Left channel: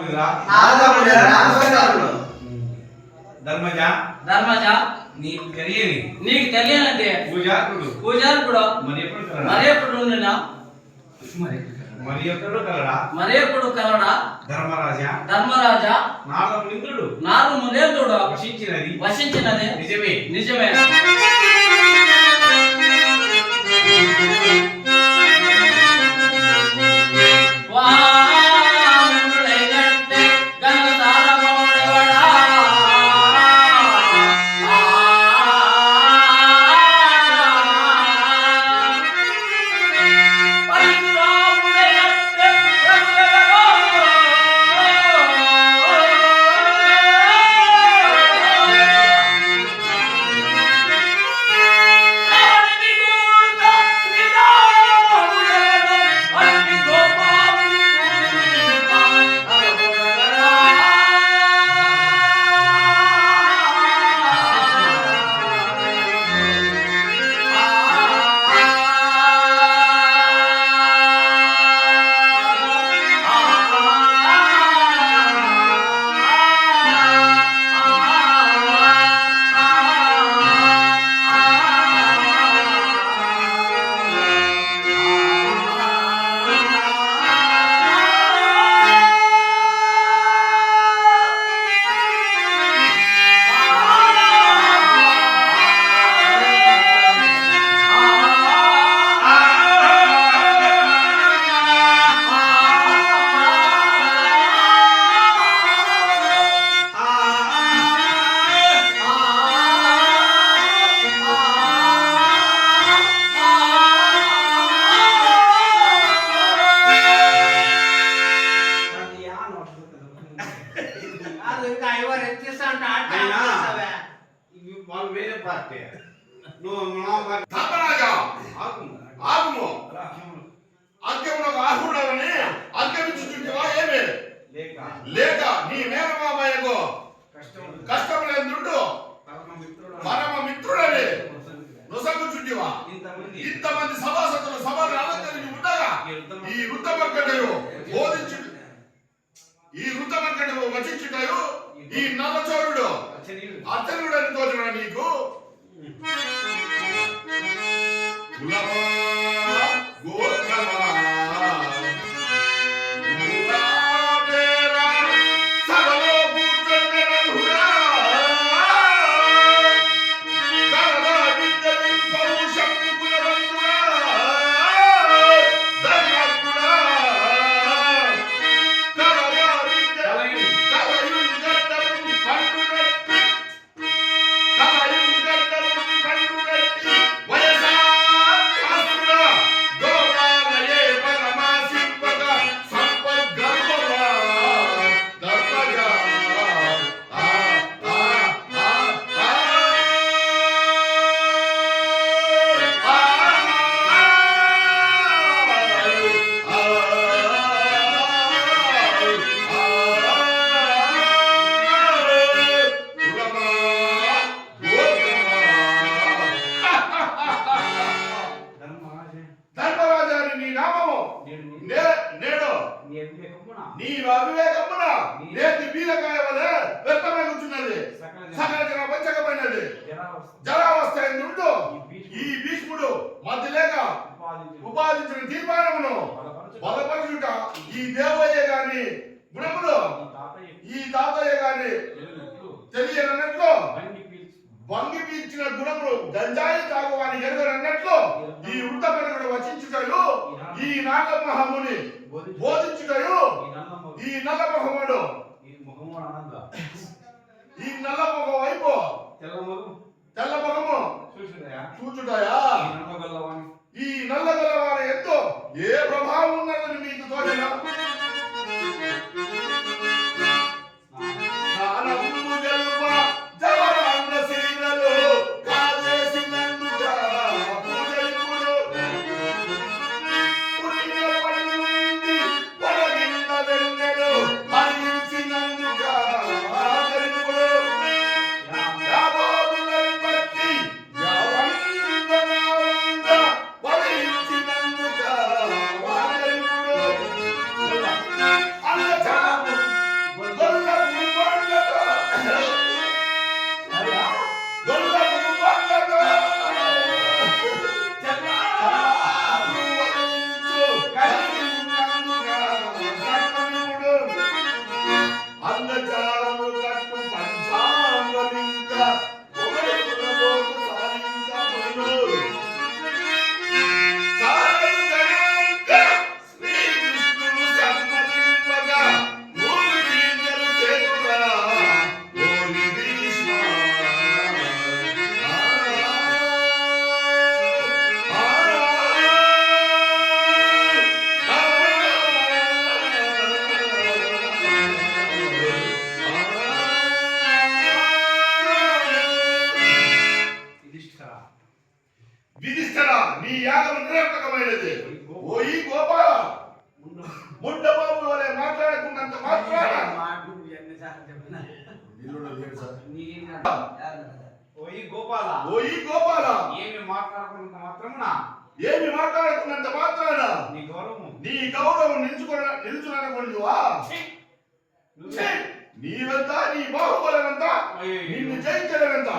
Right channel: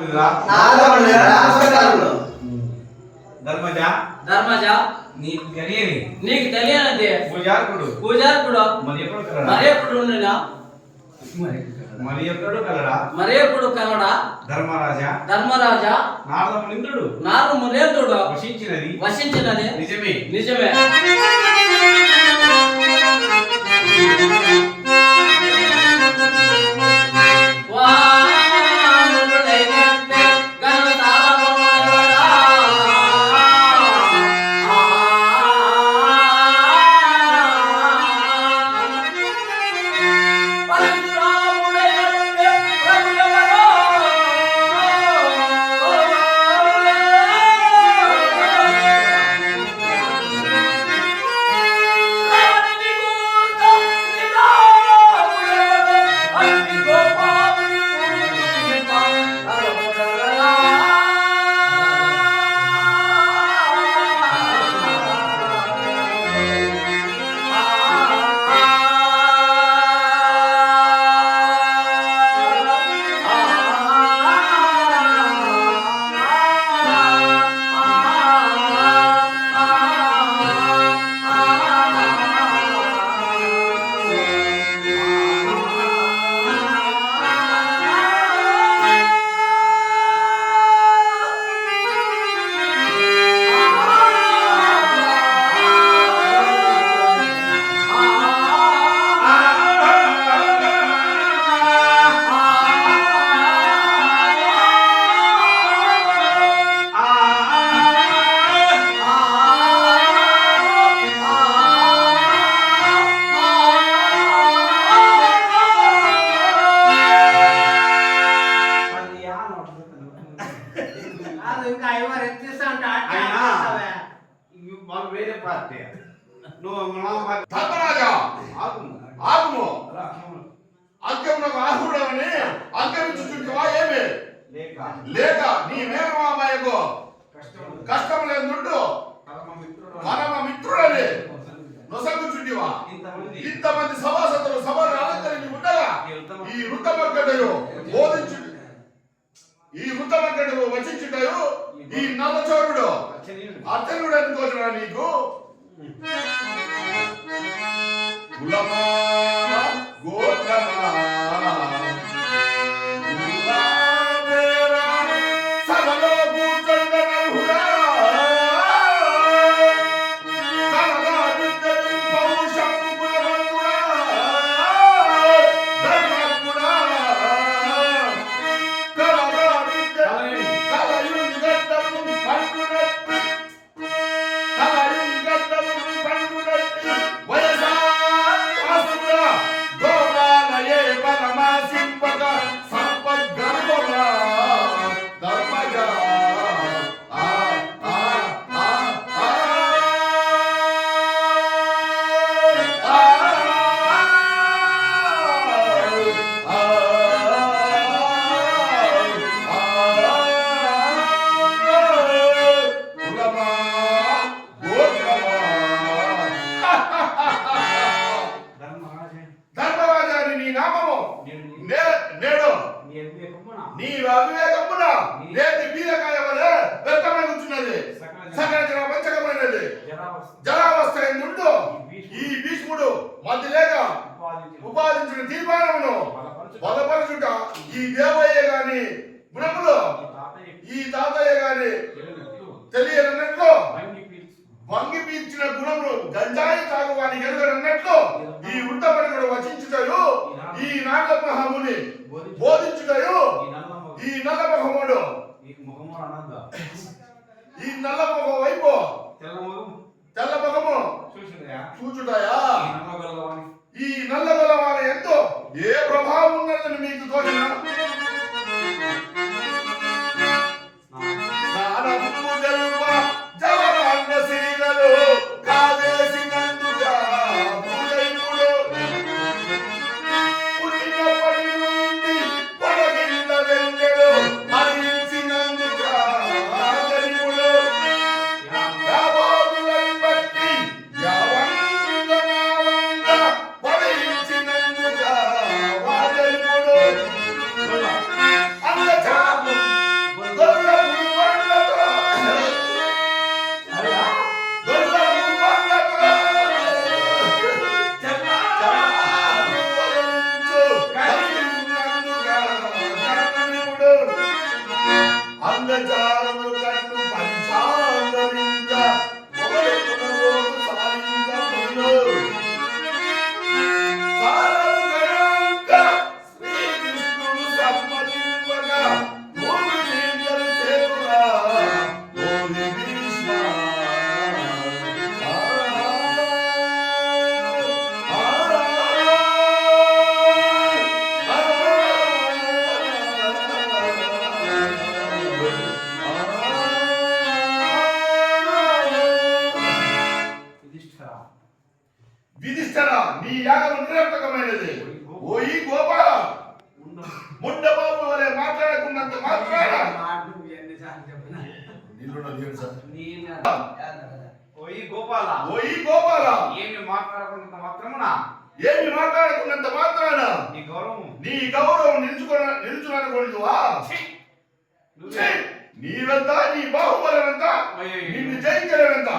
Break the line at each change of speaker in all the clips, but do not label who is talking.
నమస్కారాలు
ధర్మజ.
ధర్మజ.
నీకు తెలియని.
నీకు తెలియనది.
పూజాకుడు
పూజారుడు
మరి ఎప్పుడు కలడా?
మరేపుడు ఉండనా?
మరి ఎప్పుడు కలడా?
మరేపుడు కలడా?
ధర్మరాజా.
ధర్మరాజా.
నారదమునింద్రుడు.
నారు మునేంద్రుడు
వశించినది.
వసించినది
నిజమే.
నిజమే.
అంకమునకు ఆహుడవని అంకమించుచుంటివా ఏమి?
లేక.
లేక నీ మేనమామయ్యకు
కష్టం. మిత్రుడు.
పరమ మిత్రుడని నొసగుచుంటివా?
ఇంతమంది.
సభాసతులు సభను అలంకరించి ఉండగా
ఈ ఉత్తమ
ఈ వృత్తమర్కటయు బోధించు ఈ వృత్తమర్కటయు వచించుటయు ఈ నల్లచోరుడు. అర్చనుడని తోచిన నీకు? కులమా గోత్రమా?
జనావస్థ
నుండు ఈ భీష్ముడు. మధ్య లేక
ఉపాదించిన
ఉపాదించిన తీర్మానమును
బలపరచు.
బలపరచుట. ఈ దేవయ్య గాని గుణములు
ఈ తాతయ్య
గాని
తెలియనట్లు
వంగి పీల్చిన. గుణములు గంజాయి తాగువాని ఎరుగనన్నట్లు ఈ వృత్తపనుడు వచించుటయు ఈ నాగమహముని
బోధించు.
బోధించుటయు
ఈ నల్లమ్మ
ఈ నల్ల మొహముడు
ఈ ముఖము అనంద
ఈ నల్ల మొహం వైపు
తెల్ల ముఖం
తెల్ల మొహము
చూసినయా
చూచుటయా?
ఈ నల్ల గల్లవాని
ఈ నల్ల గలవారి ఎంతో ఏ ప్రభావం ఉన్నదని మీకు తోచిన?
గోపాల.
ముండబాబు వలె మాట్లాడకున్నంత
మాట్లాడ. ఓయి గోపాల.
ఓయి గోపాల.
ఏమి మాట్లాడకున్నంత మాత్రమునా?
ఏమి మాట్లాడకున్నంత మాత్రాన?
నీ గౌరవం.
నీ గౌరవం నిలుచుకున్న నిలుచుననుకుంటువా నీవెంత? నీ బాహుబలమెంత? నిన్ను
జయించలేవెంత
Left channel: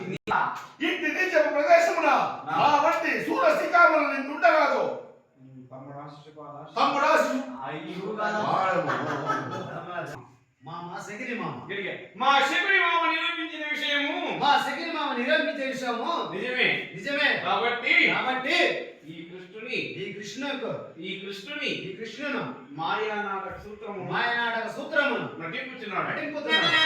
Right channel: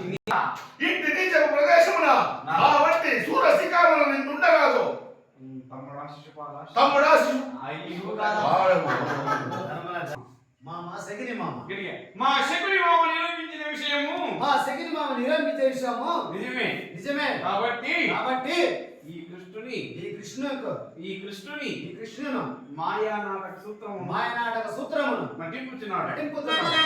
ఇంటి నీచ ప్రదేశమున నా. వంటి సూర శిఖామున నిన్నుండగాదు
తమ్ముడా శిశుపాల
తమ్ముడా శిశు-
అయ్యో
మామ. సగిరి మామ.
గిరిగా మా శబరి మామ నిరూపించిన విషయము
మా సగిరి మామ నిరూపించే విషయము
నిజమే.
నిజమే.
కాబట్టి
కాబట్టి
ఈ కృష్ణుని
ఈ కృష్ణుకు
ఈ కృష్ణుని
ఈ కృష్ణును
మాయా నాటక సూత్రము
మాయనాటక సూత్రమును
నటింపుచున్నాడు.
నటింపుతున్నాడు.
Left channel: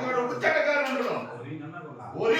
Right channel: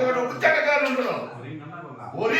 ఒకటి ముచ్చటగారు ఉండను.
ఒరి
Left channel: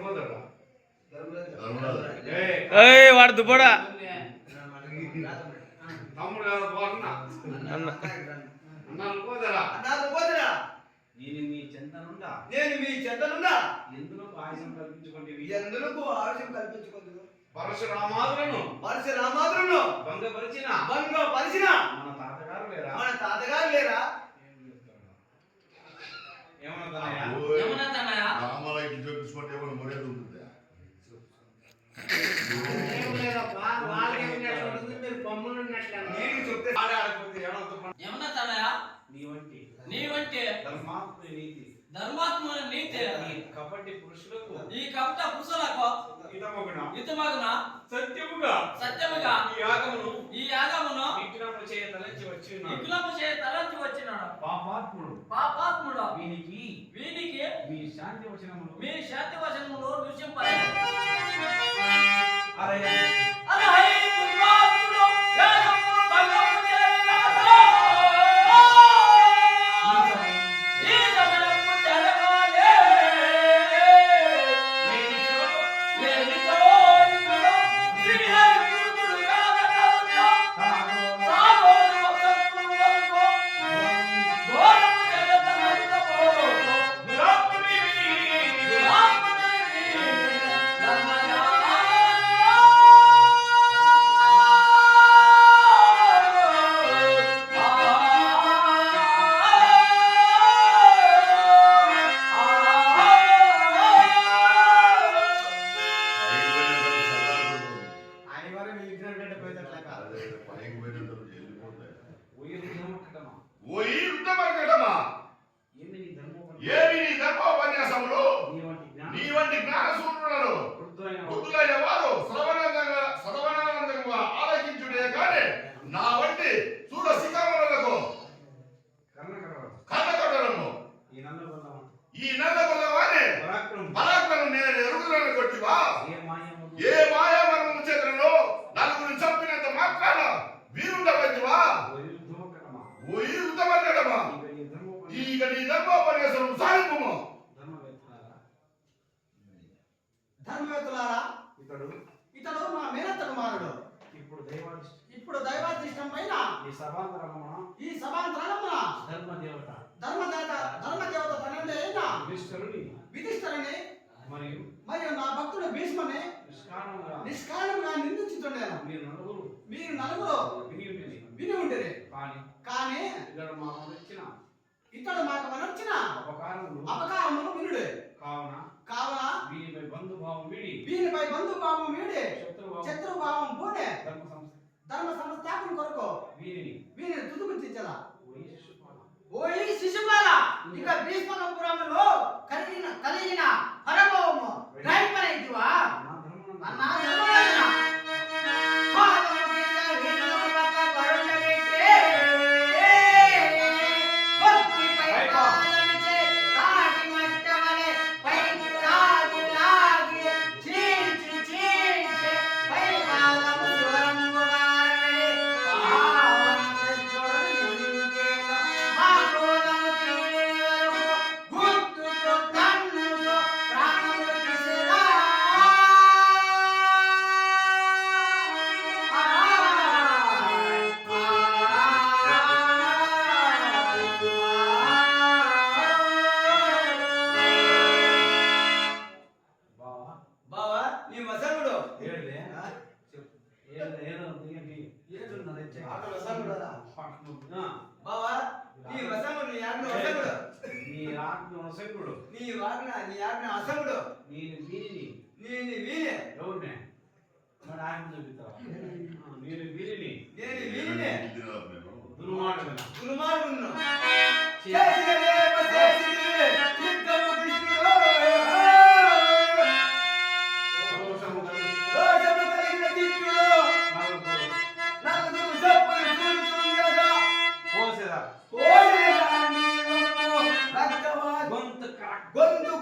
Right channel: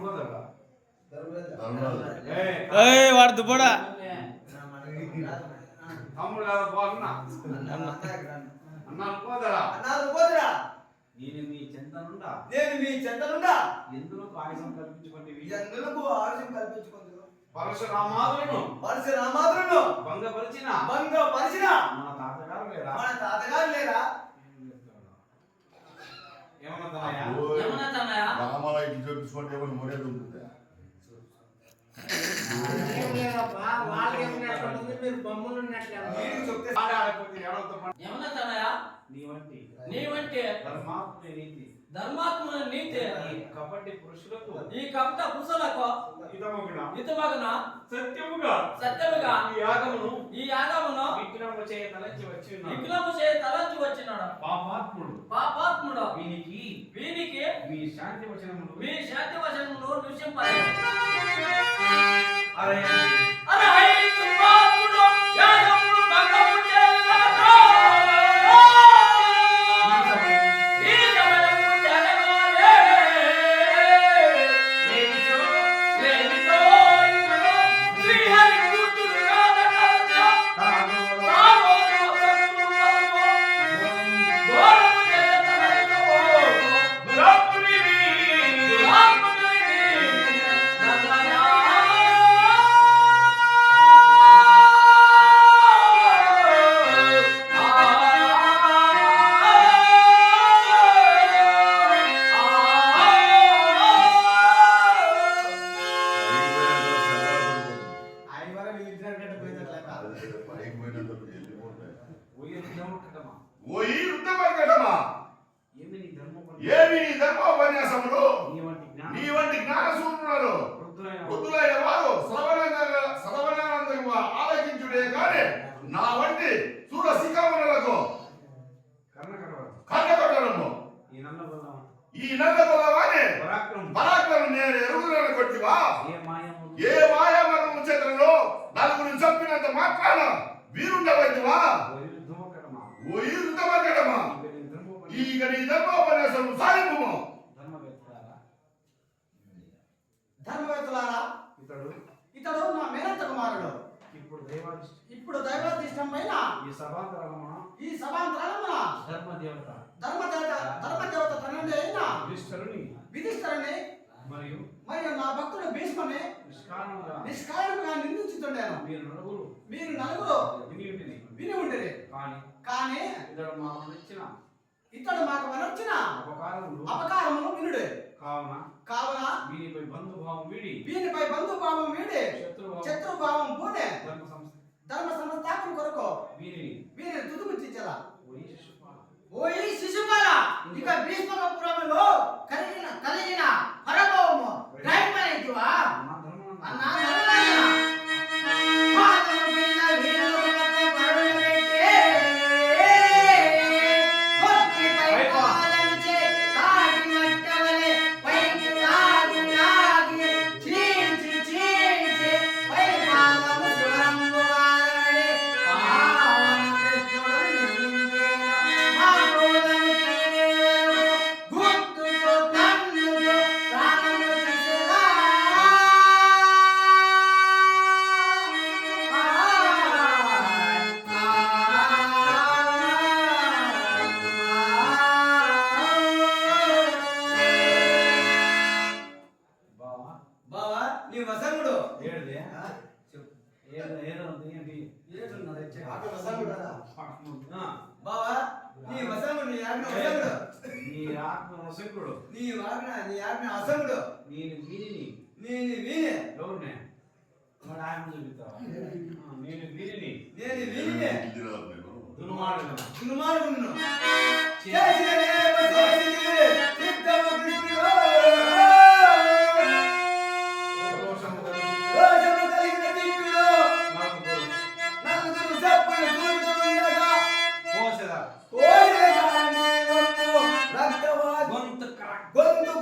పోదరా
ఏయ్ వాడు దుబ్బడా
తమ్ముడు
అన్న
అన్నాలు పోదరా
అన్నారు పోదరా
నేను మీ చెందనుండా
నేను మీ చెంతనున్నా
ఎందులో ఆయుధం కల్పించుకోండి
ఎందులకు ఆలస్యం కల్పించుకుందును
పరశురామాదులను.
మనిషి రామాదులను
భంగపరిచిన.
భంగ పరిచిన
మన తాతగారు లేరా?
మన తాతగారు లేరా?
రామాల ఇటు చూపించుకుంటే ఏమైనా మొరేది ఉంటుందా?
మీరు బొమ్మలు
నీతి ఈ కపటి పురుషులకు
ఈ కపట పురుషులకు
ఇదమగున
ఇతమగున
సత్యముగా?
సత్యముగా.
ఈ యాగమును?
ఈ యాగమును
విగ్రహము చేయ తలచి వచ్చి ఉన్నాడు
విగ్రహము చేయ తలంచి వచ్చినాడు.
పాపాత్ముడు.
పాపాత్ముడు.
వీనికి
వీనికి
మీ శాంతి వచనములు.
మీ శాంతి వచనములో నివసింపాలి
అరే
కొడుకులారా
ఇతడు
ఇతడు మా మేనత్త కుమారుడు.
ఇప్పుడు దైవాధిష్ట
ఇప్పుడు దైవాధిష్టమైన
ఈ సభాంతరమ్మ
ఈ సభాంతరమ్మ
ధర్మ
దేవత ధర్మ దేవత ధర్మ దేవత తనండి అయినా
విధిష్ఠరుని
విధిష్ఠరుని
మరియు
మరియు నా భక్తుడు భీష్మని
నిష్కారణంగా
నిష్కారణంగా నిందించుతుండేను
మీరు నలుగురు
మీరు నలుగురు
విని ఉండిరి.
విని ఉండిరి.
కానీ
కానీ
ఇతడు మాకు ఇచ్చిన
ఇతడు మాకు మనొచ్చిన
అపకారములు
అపకారములు వినుడే.
కావున
కావున
వీనిపై బంధుభావం వీడి.
వీనిపై బంధుభావం వీడి.
శత్రుభావం.
శత్రుభావం పోనే. ఆజ్ఞ అసంగుడు
నీ
ఆజ్ఞ అసంగుడు
నీ
ఆజ్ఞ నీ ఆజ్ఞ అసంగుడు
నేను వీరిని.
నేను వీరి
ఎవరిని? మరి ఆయన చూపిస్తావా? నేను వీరిని.
నేను
వీరిని. దుర్మార్గుడు దుర్మార్గుడు aguanta, cara. Quando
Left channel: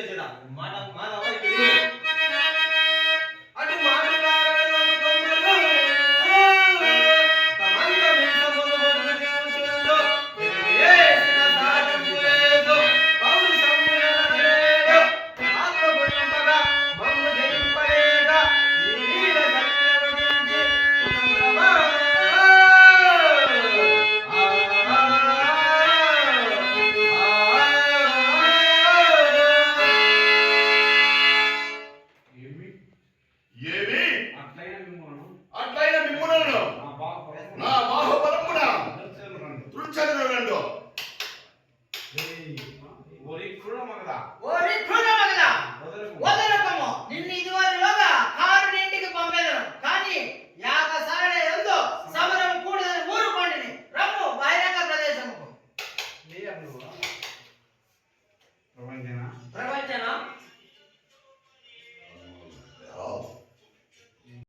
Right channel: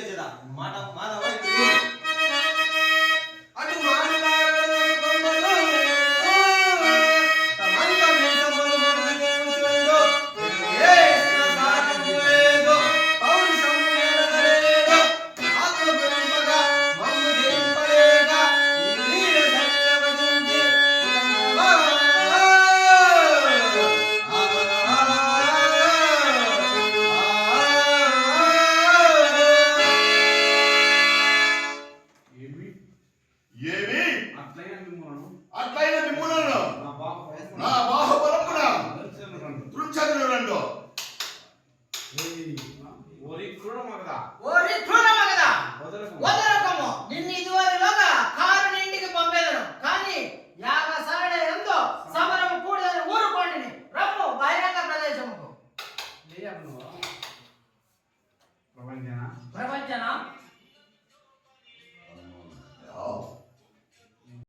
விவேச்சனா மாணவ மாணவ ఏమి?
అట్లయిన మిమ్మలను
అట్లయిన మిమ్మలను